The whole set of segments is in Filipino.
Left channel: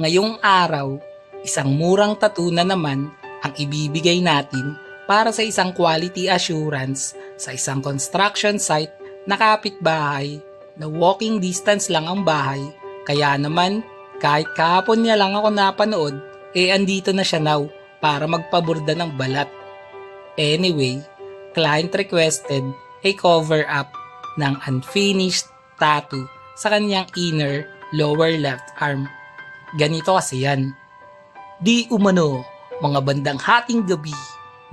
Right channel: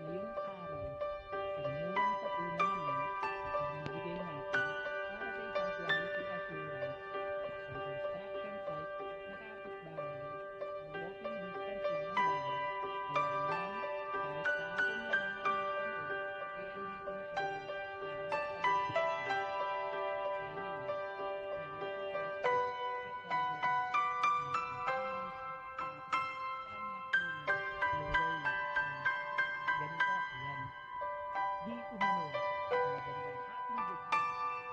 Ngayong araw, isang murang tattoo na naman ang ibibigay natin para sa isang quality assurance sa isang construction site na kapitbahay na walking distance lang ang bahay. Kaya naman, kahit kahapon niya lang ako napanood, andito na siya now para magpaborda ng balat. Anyway, client requested a cover up ng unfinished tattoo sa kanyang inner lower left arm. Ganito kasi yan. Di umano, mga bandang hating gabi,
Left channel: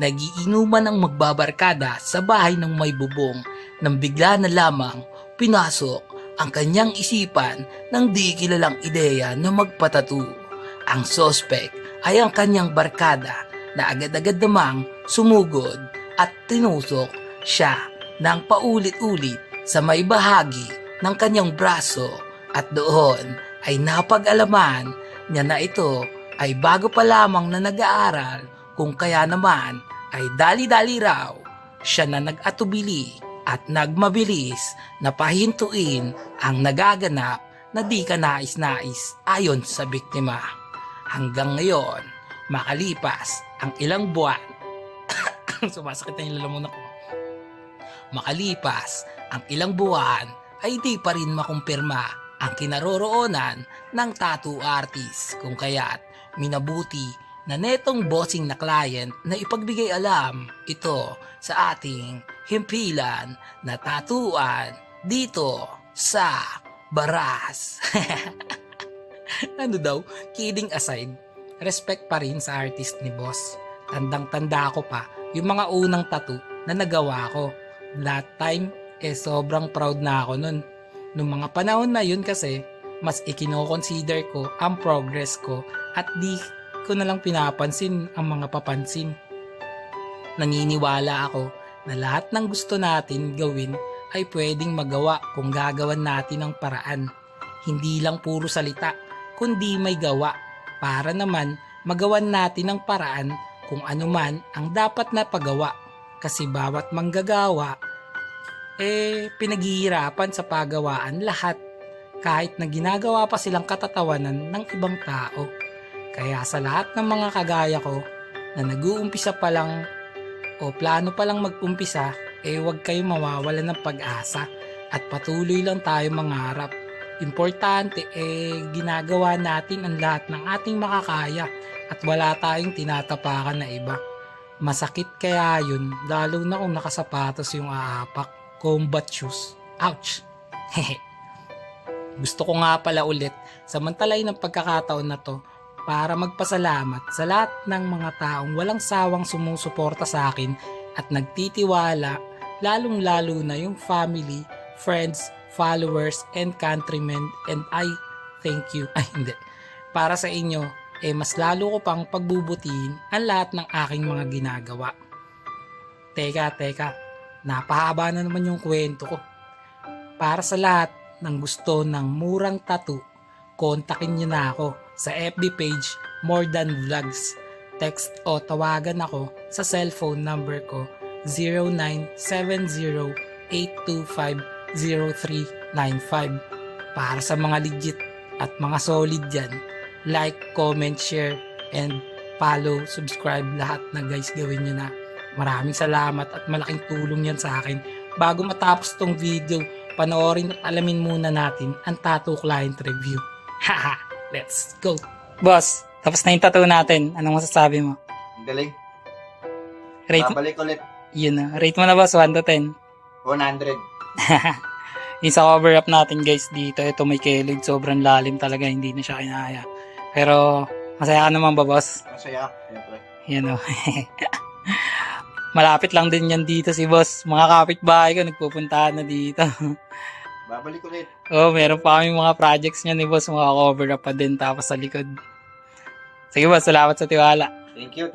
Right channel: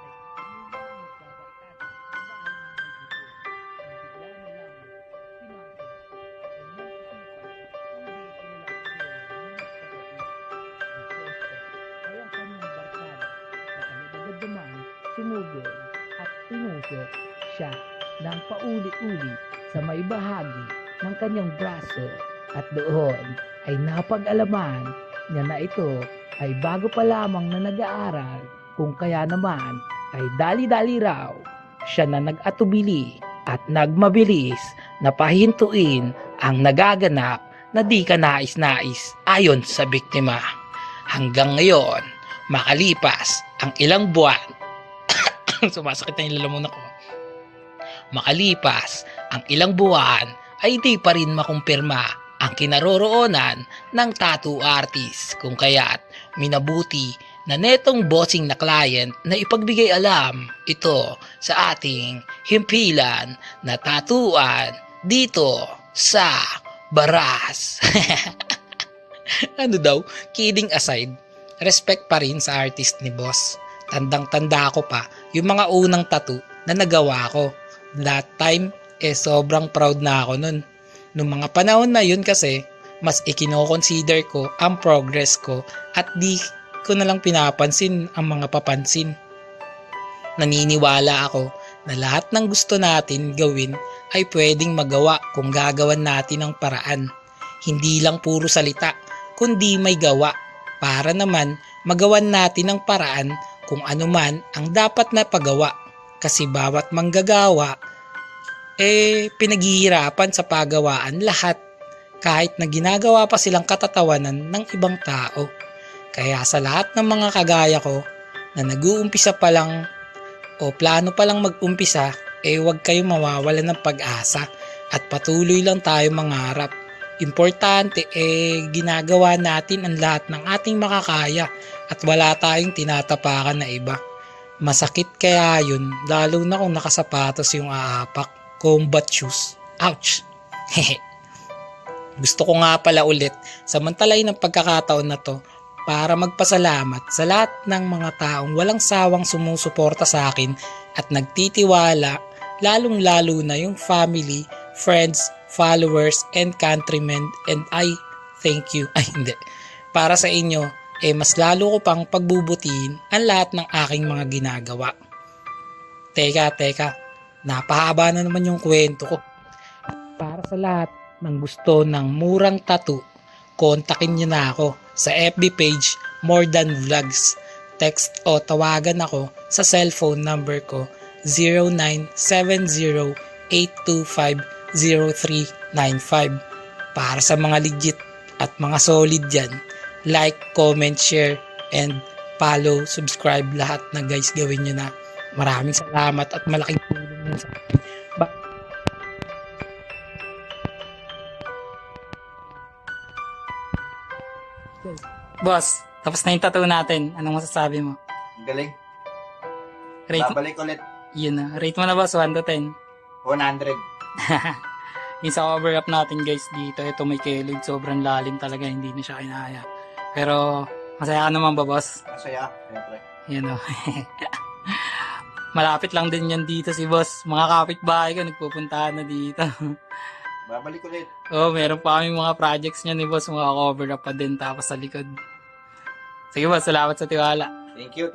nagiinuman ang magbabarkada sa bahay ng may bubong nang bigla na lamang pinasok ang kanyang isipan ng di kilalang ideya na magpatatu. Ang sospek ay ang kanyang barkada na agad-agad namang sumugod at tinusok siya ng paulit-ulit sa may bahagi ng kanyang braso at doon ay napag-alaman niya na ito ay bago pa lamang na nag-aaral kung kaya naman ay dali-dali raw siya na nag-atubili at nagmabilis na pahintuin ang nagaganap na di ka nais-nais ayon sa biktima. Hanggang ngayon, makalipas ang ilang buwan, sumasakit na yung lalamunan ko. Makalipas ang ilang buwan ay di pa rin makumpirma ang kinaroroonan ng tattoo artist kung kaya't minabuti na netong bossing na client na ipagbigay alam ito sa ating himpilan na tatuan dito sa Baras. Ano daw, kidding aside, respect pa rin sa artist ni boss. Tandang-tanda ko pa yung mga unang tattoo na nagawa ko. That time, sobrang proud na ako nun. Nung mga panahon na yun kasi, mas ikino-consider ko ang progress ko at di ko na lang pinapansin ang mga papansin. Naniniwala ako na lahat ng gusto natin gawin ay pwedeng magawa kung gagawan natin ng paraan. Hindi lang puro salita, kundi may gawa para naman magawan natin ng paraan kung ano man ang dapat na pagawa. Kasi bawat manggagawa pinaghihirapan sa pagawaan lahat kahit na ginagawa pa silang katatawanan ng ibang tao. Kaya sa lahat ng mga kagaya ko na nag-uumpisa pa lang o plano pa lang mag-umpisa, huwag kayong mawawalan ng pag-asa at patuloy lang tayo mangarap. Importante ginagawa natin ang lahat ng ating makakaya at wala tayong tinatapakan na iba. Masakit kaya yun, lalo na kung nakasapatos yung aapak. Combat shoes. Ouch! Gusto ko nga pala ulit samantalay ng pagkakataon na to para magpasalamat sa lahat ng mga taong walang sawang sumusuporta sa akin at nagtitiwala, lalong lalo na yung family, friends, followers, and countrymen, and I thank you. Ay hindi. Para sa inyo, mas lalo ko pang pagbubutihin ang lahat ng aking mga ginagawa. Teka. Napahaba na naman yung kwento ko. Para sa lahat ng gusto ng murang tattoo, kontakin niyo na ako sa FB page More Than Vlogs. Text o tawagan ako sa cellphone number ko 0970-825-0395. Para sa mga legit at mga solid dyan, like, comment, share, and follow, subscribe, lahat na guys gawin nyo na. Maraming salamat at malaking tulong yan sa akin. Bago matapos tong video, panoorin at alamin muna natin ang tattoo client review. Haha, let's go! Boss, tapos na yung tattoo natin. Anong masasabi mo? Galing. Babalik ulit. Yun na. Rate mo na boss, 1 to 10. 100. Yung sa cover up natin guys dito, ito may kilid. Sobrang lalim talaga, hindi na siya kinaya. Pero, masaya ka naman ba boss? Masaya, siyempre. Yan o. Malapit lang din yan dito si boss. Mga kapitbahay ko, nagpupuntahan na dito. Babalik ulit. Meron pa kami mga projects niya ni boss. Mga cover up pa din tapos sa likod. Sige boss, salamat sa tiwala. Thank you.